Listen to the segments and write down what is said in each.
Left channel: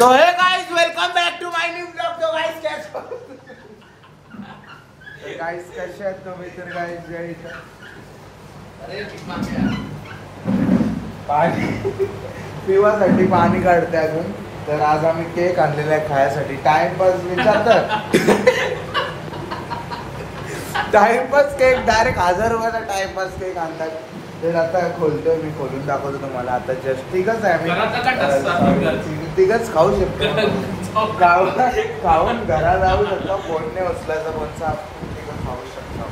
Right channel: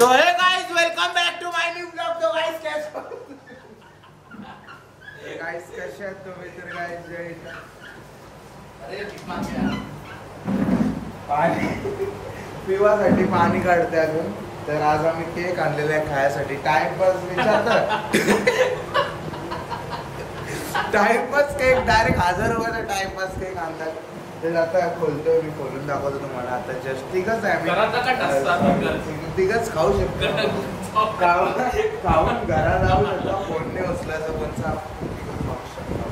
तो हे guys welcome back to my new blog. तो गाइस गाइस कसे आहेत तुम्ही? तर गाइस पाणी पिवासाठी पाणी काढते अजून। तर आज आम्ही केक आणलेला आहे खायसाठी। टाइमपास विचारतात टाइमपास केक डायरेक्ट 1000 रुपयाचा टाइमपास केक आणतात। ते आता खोलतोय मी, खोलून दाखवतो तुम्हाला आता। जस्ट तिघच आहे आम्ही, तिघच खाऊ शकतो। खाऊन घरात जाऊ शकतो। फोनने उचलायचं कोणचा खाऊ शकतो।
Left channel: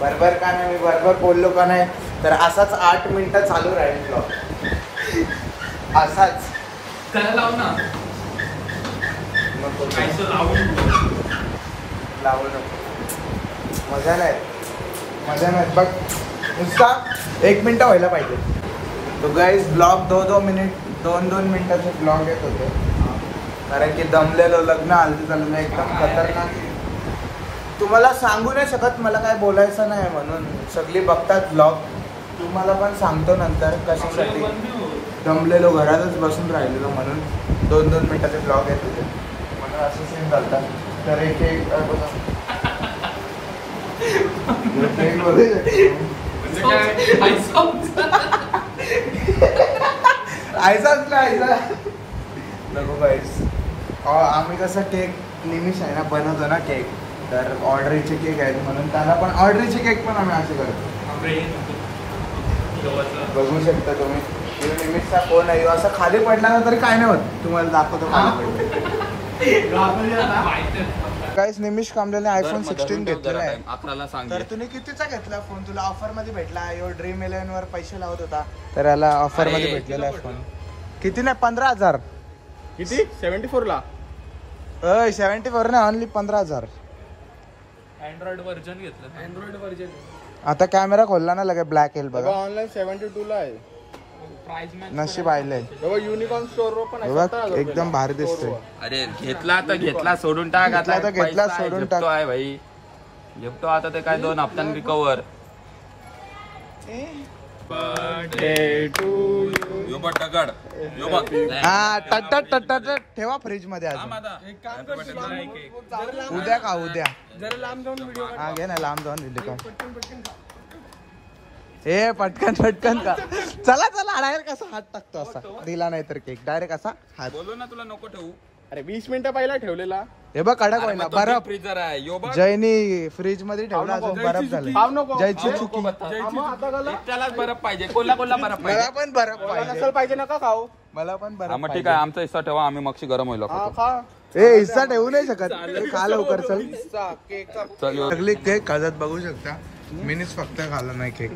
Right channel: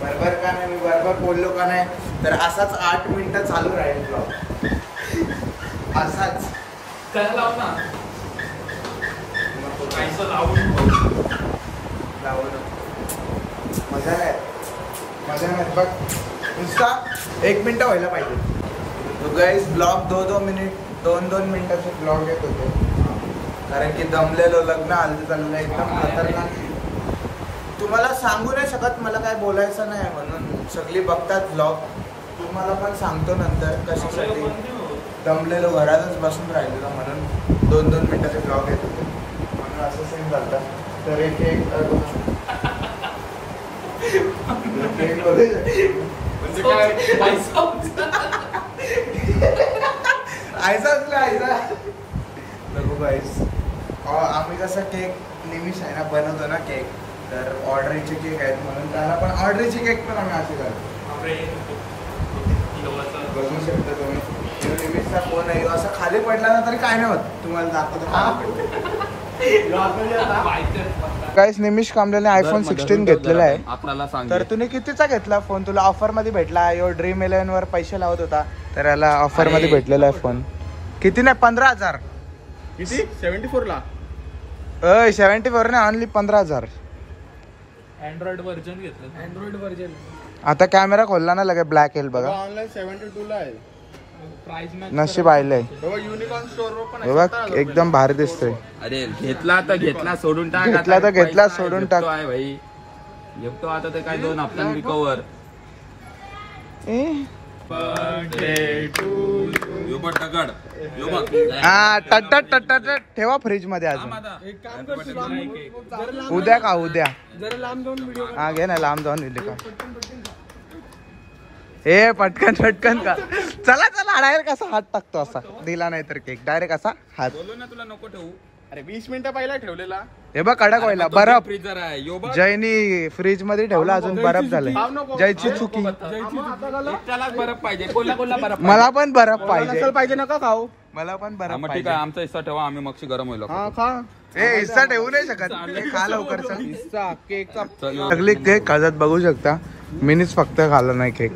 बरोबर का नाही? मी बरोबर बोललो का नाही? तर असाच 8 मिनिटं चालू राहील ब्लॉग, असाच लावू ना। नको लावू नको, मजा नाही बघ। नुसता 1 मिनिट व्हायला पाहिजे। तो गाइस ब्लॉग 2-2 मिनिटाचे ब्लॉग येत होते, कारण की दमलेलो, लग्न हल्ली चाललेलं एकदम खतरनाक। तुम्हाला सांगू नाही शकत, मला काय बोलायचं नाही म्हणून। सगळी बघतात ब्लॉग, तुम्हाला पण सांगतो नंतर कशासाठी दमलेलो, घरातच बसून राहिलेलो म्हणून 2-2 मिनिटाचे ब्लॉग येत होते, म्हणून असं सीन चालतात। तर एक बघा आम्ही कसं केक निमिष आहे ना बनवतो ना केक, तर ऑर्डरीचे केक आहेत म्हणून त्यांना पण ऑर्डरीचे केक पण आम्ही असे करतो। बघू शकता तुम्ही, निमिषचा फोन आहे, असं खाली पडला ना तरी काय नाही होत। तुम्हाला दाखवतो काहीच। निमिष कामलेने आयफोन 16 घेतलेला आहे आपल्याला सांग। तर तुम्ही कितीचा घेतला फोन? तुला ऑफर मध्ये भेटला, यो ड्रीम 11 वर पैसे लावत होता, तर याला ऑफर मध्ये भेटलेला आहे फोन। किती नाही? 15,000। किती? 74 ला? 74 नाही, ऑनली 15,000। अँड्रॉइड व्हर्जन घेतलं। अँड्रॉइड व्हर्जन आता कॅमेरा खोलला ना लगे ब्लॅक येईल बघा। ऑनलाइन 72 ला आहे। प्राइस मॅच नशीब आयलंय युनिकॉर्न स्टोर वर पण बघ, एकदम भारी दिसतोय। अरे घेतला तर घेतला, सोडून टाक। घेतला तर घेतला, सोडून टाक आहे भाई। घेतो आता ते काय 2 हप्त्यां रिकवर। हा टट ठेवा फ्रीज मध्ये अजून। उद्या का उद्या जरा लांब जाऊन व्हिडिओ हा घे ना, लांब जाऊन व्हिडिओ। ए पटकन का, चला डायरेक्ट असा हात टाकतो, असा दिला नाही तर केक डायरेक्ट असा हात। बोललो ना तुला नको ठेवू। अरे 20 मिनिटं पहिला ठेवलेला। हे बघ कडक व्हायला बर्फ। फ्रीजर आहे यो बघ, जयनी फ्रीज मध्ये ठेवला, अजून बर्फ झालाय। जयची चुकी, त्यालाच बर्फ पाहिजे। कोल्हा बर्फ मला पण बर्फ पाहिजे। पाहिजे नका खाऊ, मला पण बर्फ ठीक पाहिजे। आहे, आमचा हिस्सा ठेवा, आम्ही मगशी गरम होईल। ए हिस्सा ठेवू नाही शकत, खा लवकर चल। सगळी केक खाजत बघू शकता, मीनीच फक्त खाल्ला नाही केक।